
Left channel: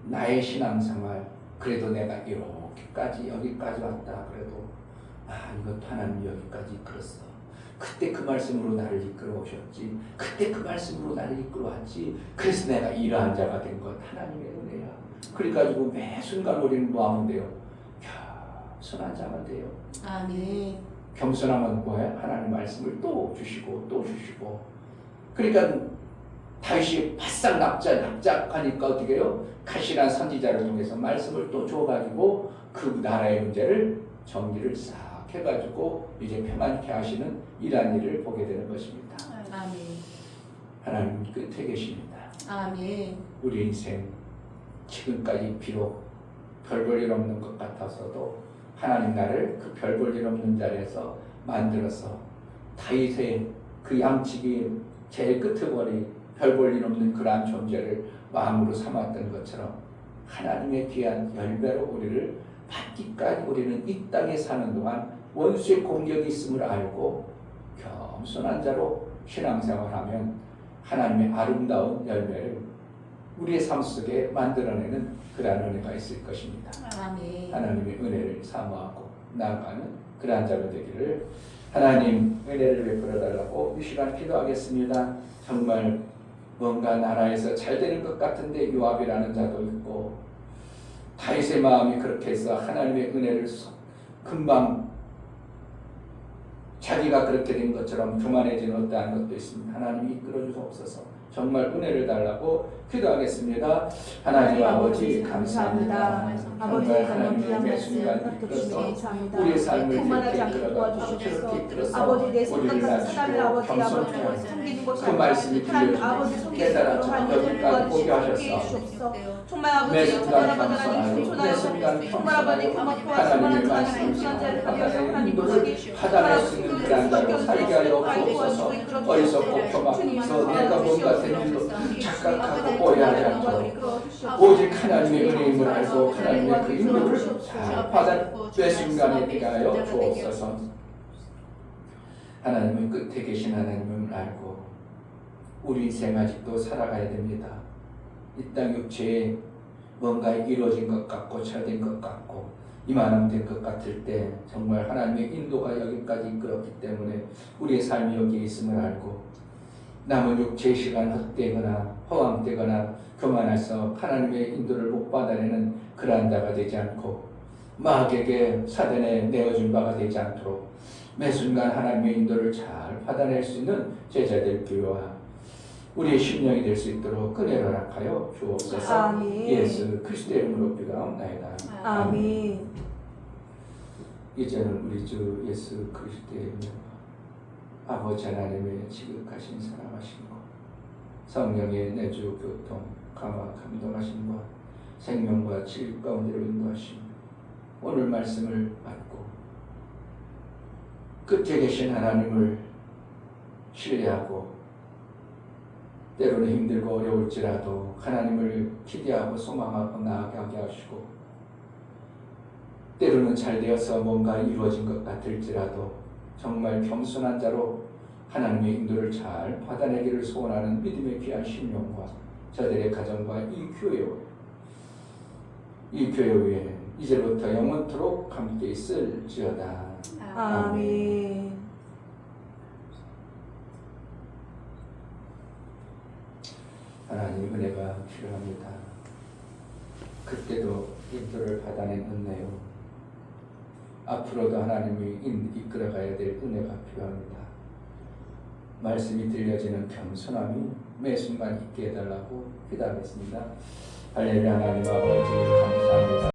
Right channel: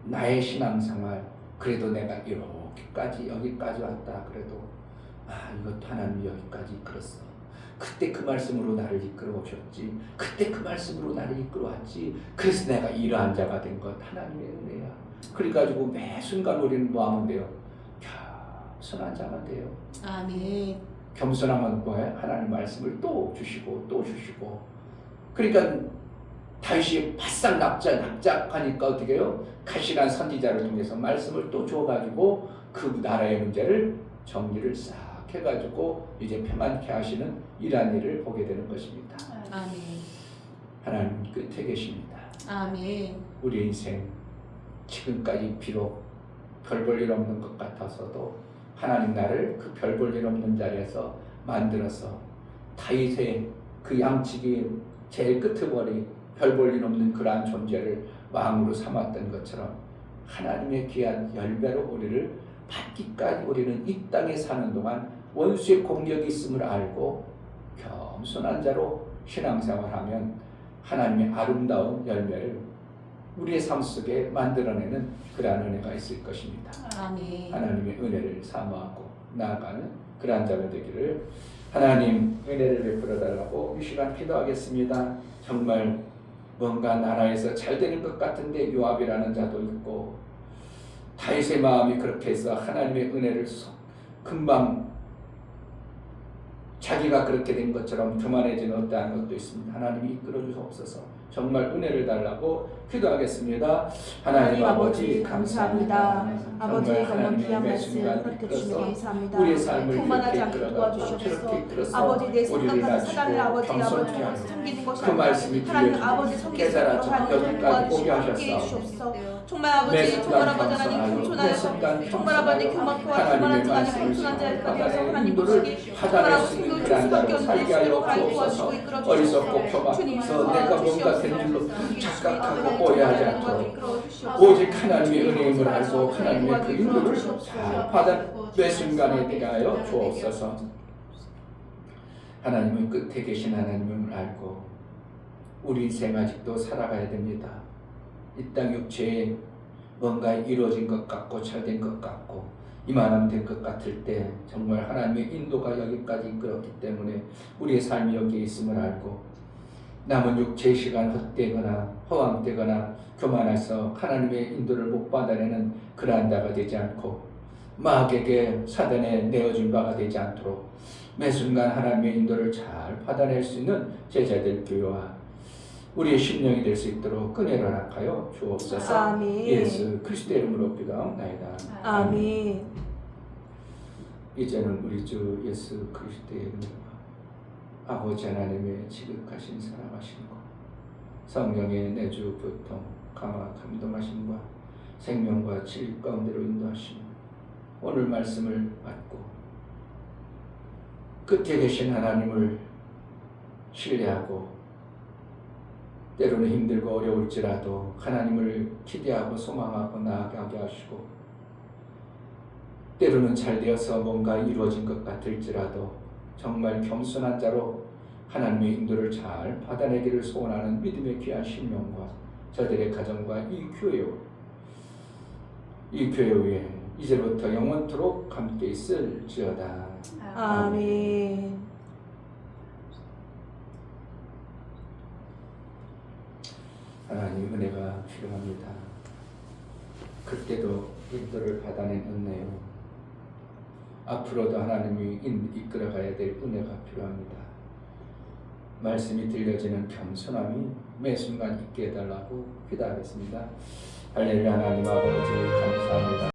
나의 신앙생활, 그래도 내가 이렇게까지 여기까지 왔다. 그래도 이것도 하나님이 여기까지 이끌었어. 그때 그 말씀으로 나를 이끌어 오셨지. 그때 그 말씀으로 나를 이끌어 왔지. 그래서 내가 이러한 자가 된 것 하나님의 은혜야. 그래가지고 매 순간 우리는 뭐 하면 돼요? 겸손한 자가 돼요. 아멘. 겸손하면 뭐예요? 하나님 말씀을 또 주시고 또 주시고. 그러니까 다윗이 바싹 납작하니까 어떻게 해요? 가시란 선지자를 통해서 말씀을 또 줘가지고 그 나라의 문제를 정리를 싹 해가지고 이제 평안케 하시는 이러한 일을 보게 되는 것입니다. 아멘. 하나님 끝에 계십니다. 아멘. 우리 인생 지금까지 비록 별 볼 일 없는 것 같아서도 하나님 나를 그 별 볼 일 없는 자리에서 만들어서 다윗의 그 양치기 제일 끝머리 별 볼 일 없는 그러한 존재를 왕으로 삼았던 것처럼 하나님의 귀한 열매로 우리를 받기까지 우리는 이 땅에 사는 동안 원수의 공격이 있음을 알고 겸손한 자로 신앙생활하면 하나님의 아름다운 열매를 우리의 삶 속에 만들어내는 그러한 은혜가 있을 것입니다. 아멘. 하나님의 은혜를 사모하고 나아가는 그러한 자가 되기를 하나님 은혜를 베풀어 달라고 이 시간 기도하겠습니다. 정말 뭔가 나라에서 잘 되는 것 같은데 요압이라는 자도 있고 다윗의 마음이 그렇게 해서 하나님의 은혜를 금방 자기가 그렇게 된 것처럼 교만해지는 어떠한 것도 있습니다. 하나님이 이끌어 주옵소서. 정말 은혜를 달라고 기도하겠습니다. 하나님 아버지 감사합니다. 정말 하나님의 매 순간 이끌어서 우리의 삶을 그렇게 이끌어가고 그렇게 이끌어서 우리를 낮추고 겸손케 하고 그 말씀이 들려주고 깨달아져 여기까지 오게 하셔서 매 순간 감사하여 매 순간 겸손하여 하나님의 말씀을 지키고 바다의 인도를 하단에 쓰는 그런 자로 살게 하여 주옵소서. 어리석고 교만해서 내가 뭔가 된 줄로 착각하고 오해하지 않도록 오직 하나님의 은혜임을 알고 하나님의 그 인도를 잘 받아 매 순간에 대하여 주옵소서. 하나님은 끝에 계신 하나님을 알고 우리 인생 아직도 살아가야 됩니다. 이 땅 육체에 뭔가 이루어진 것 같고 잘된 것 같고 이만하면 된 것 같을 때 정말 하나님의 인도가 여기까지 이끌었기 때문에 우리의 삶이 여기에 있음을 알고 남은 육체의 시간 헛되거나 허황되거나 교만해서 하나님의 인도를 못 받아내는 그러한 자가 되지 않고 마귀에게 사단에 내어준 바가 되지 않도록 매 순간 하나님의 인도를 잘 받아낼 수 있는 제자들 교회와 우리의 심령이 될 수 있도록 은혜를 허락하여 주옵소서. 아멘. 예수 그리스도의 이름으로 기도하옵나이다. 아멘. 이제는 우리 주 예수 그리스도의 이름으로 아버지 하나님의 지극하신 사랑하심과 성령의 내주 교통 강화 감동하심과 생명과 진리 가운데로 인도하심 오늘 말씀을 받고 끝에 계신 하나님을 신뢰하고 때로는 힘들고 어려울지라도 하나님을 기대하고 소망하고 나아가게 하시고 때로는 잘 되어서 뭔가 이루어진 것 같을지라도 정말 겸손한 자로 하나님의 인도를 잘 받아내기를 소원하는 믿음의 귀한 심령과 저들의 가정과 이 교회 위에 이제부터 영원토록 함께 있을지어다. 아멘. 하나님 은혜가 필요합니다. 그때도 인도를 받아낸 은혜요. 앞으로도 하나님이 이끌어가야 될 은혜가 필요합니다. 말씀이 들려지는 겸손함이 매 순간 있게 해달라고 기도하겠습니다. 할렐루야. 하나님 아버지 감사합니다.